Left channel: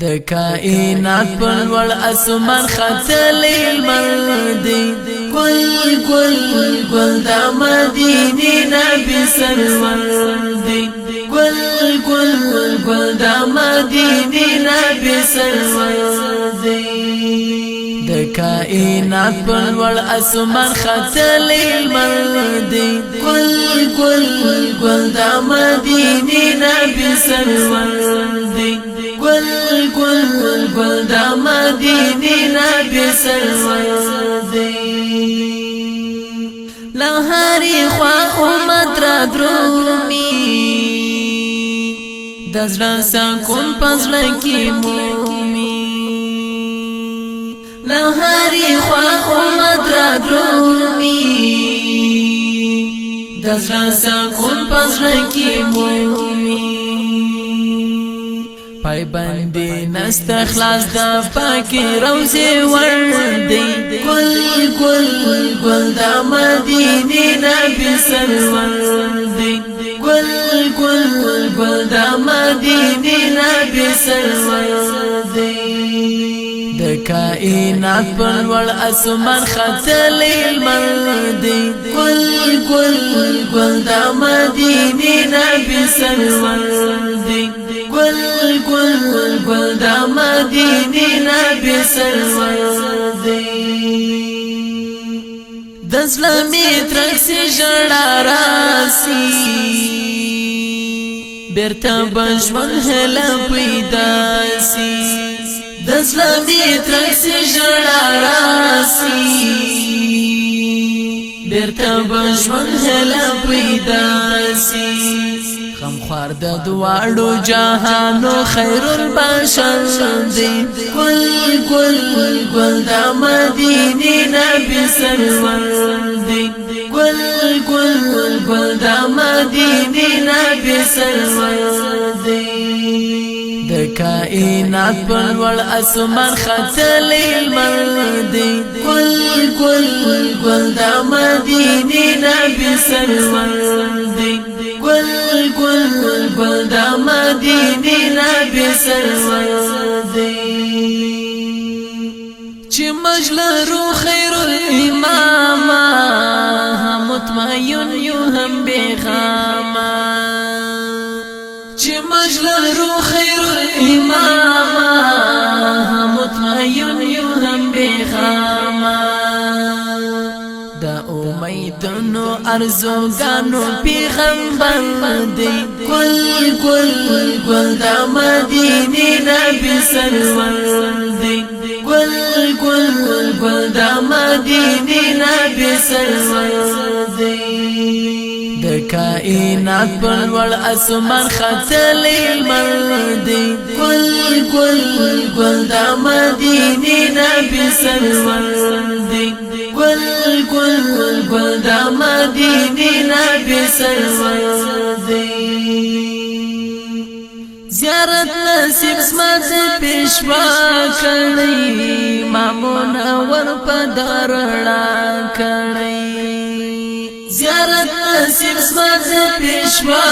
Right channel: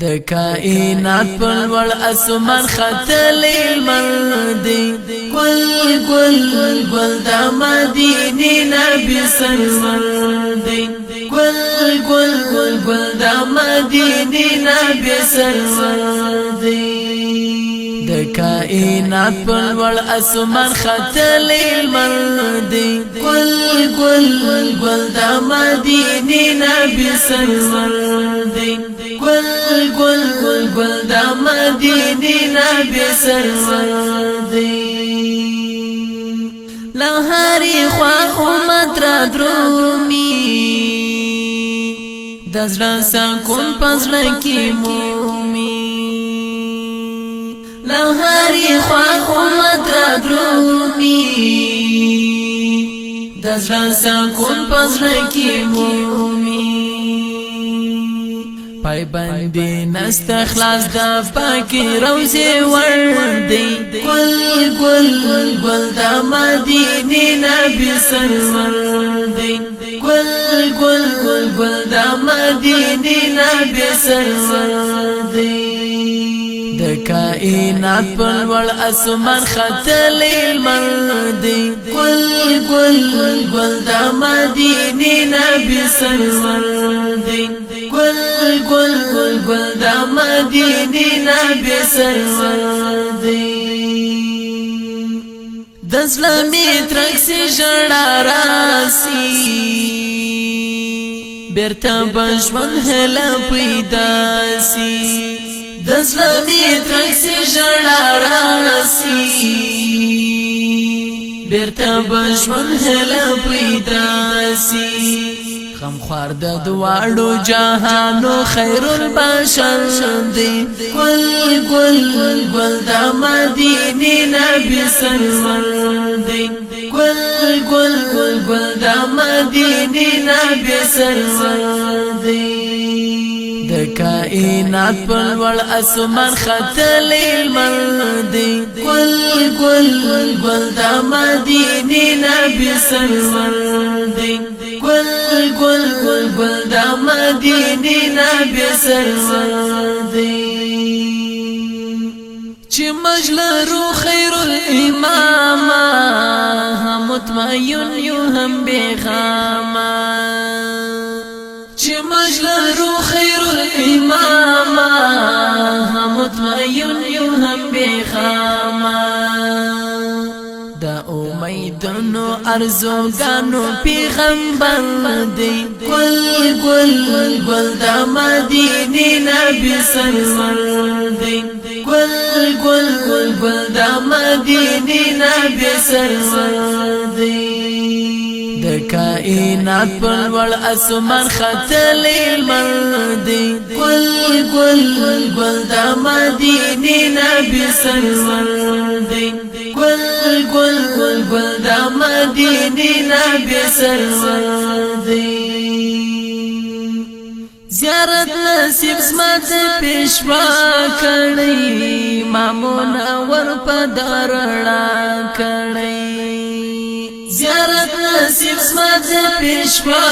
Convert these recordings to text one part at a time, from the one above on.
د کائنات پر لوړ اسمان ختلی لمر دی ګل ګل ګل د مدینې نبی سلمان دی ګل ګل ګل د مدینې نبی سلمان دی د کائنات پر لوړ اسمان ختلی لمر دی ګل ګل ګل د مدینې نبی سلمان دی گل گل گل دا مدینی نبی سلمان دی لهاری خواه امت را درومی دزران سکون پزرکی مومی لهاری خواه امت را درومی دزران سکون پزرکی مومی پای بندی نست خلاص دا پاکی روزی وردی گل گل گل دا مدینی نبی سلمان دی گل گل گل دا مدینی نبی سلمان دی د کائنات پر لوړ اسمان ختلی لمر دی گل گل گل دا مدینی نبی سلمان دی گل گل گل دا مدینی نبی سلمان دی دزلمی ترکسی جڑا راسی بیرتا بجون حلا پیداسی دزلمی ترکسی جڑا راسی بیرتا بجون حلا پیداسی خمخوار د دواړو جهانو خیر البشر دی گل گل گل د مدینې نبی سلمان دی گل گل گل د مدینې نبی سلمان دی د کائنات پر لوړ اسمان ختلی لمر دی گل گل گل د مدینې نبی سلمان دی گل گل گل دا مدینی نبی سلمان دی چی مجلرو خیر الامام هم مطمئن یو هم بیغام چی مجلرو خیر الامام هم مطمئن یو هم بیغام دا امیدونو ارزوگانو پیغمبر دی گل گل گل دا مدینی نبی سلمان دی گل گل گل دا مدینی نبی سلمان دی د کائنات پر لوړ اسمان ختلی لمر دی گل گل گل دا مدینی نبی سلمان دی گل گل گل دا مدینی نبی سلمان دی زیارت نصیب سمت پیشوا کړی مامونا ور پدرړه کړی زیارت نصیب سمت پیشوا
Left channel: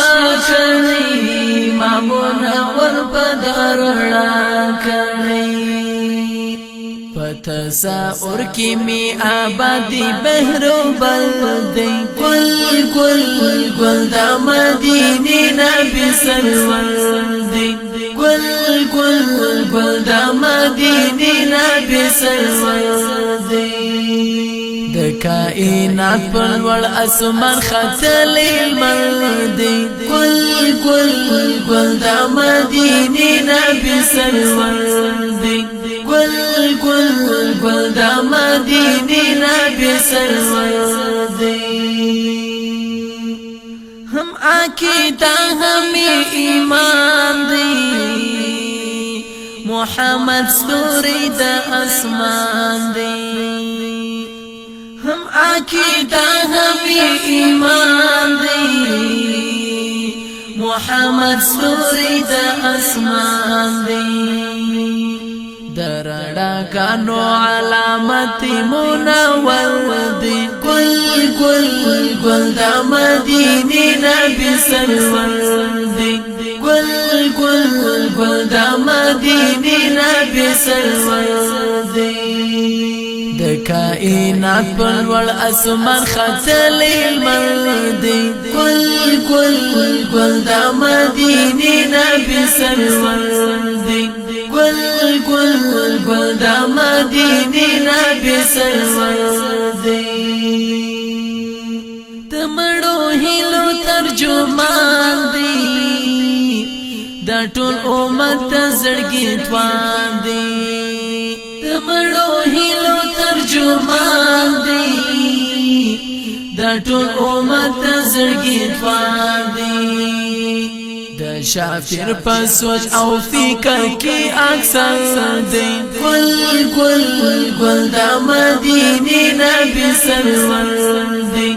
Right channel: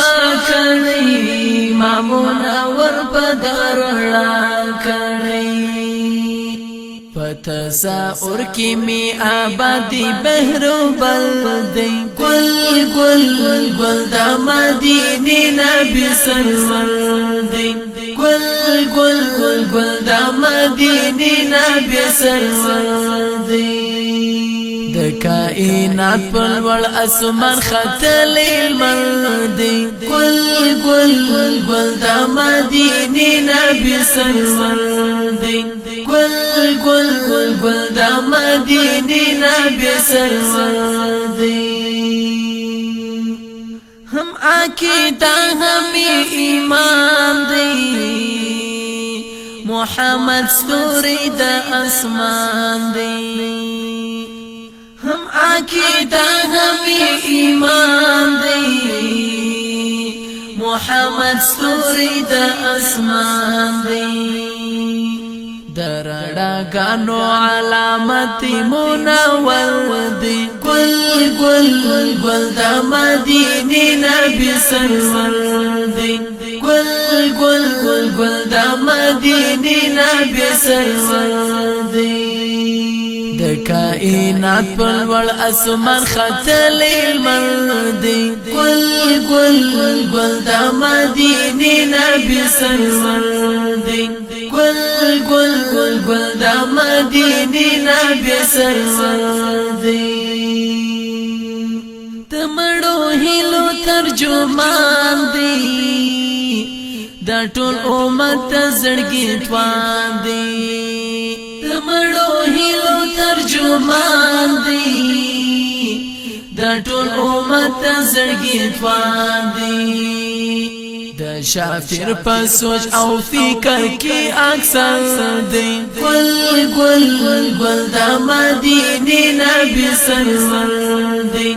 کړی مامونا ور پدرړه کړی تصاور کی می آبادی بحرو بلدی گل گل گل دا مدینی نبی سلمان دی گل گل گل دا مدینی نبی سلمان دی د کائنات پر لوړ اسمان ختلی لمر دی گل گل گل دا مدینی نبی سلمان دی گل گل گل دا مدینی نبی سلمان دی ہم عقیدہ ہمیں ایمان دی محمد ستوری دا اسمان دی ہم عقیدہ ہمیں ایمان دی محمد ستوری دا اسمان دی درڑا گانو علامتی منور دی گل گل گل دا مدینی نبی سلمان دی گل گل گل دا مدینی نبی سرور دی د کائنات پلوړ اسمان ختلی لمر دی گل دا مدینی نبی سرور دی گل دا مدینی نبی سرور دی تمړو هیلو ترجمان دی دا ټول امت زړګي توان دی تمړو هیلو ترجمان دی دا ټول امت زړګي توان دی د شافر په سوچ او فکر کې اکثر دی گل دا مدینه نبی سرور دی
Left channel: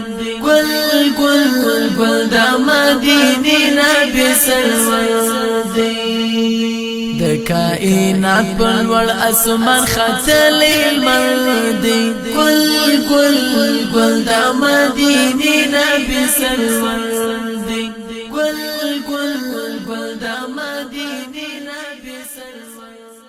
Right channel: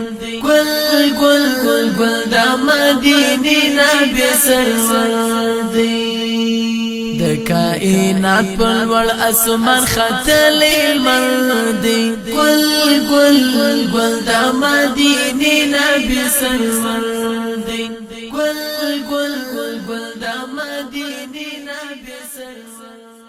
گل دا مدینه نبی سرور دی د کائنات پلوړ اسمان ختلی لمر دی گل دا مدینه نبی سرور دی گل دا مدینه نبی سرور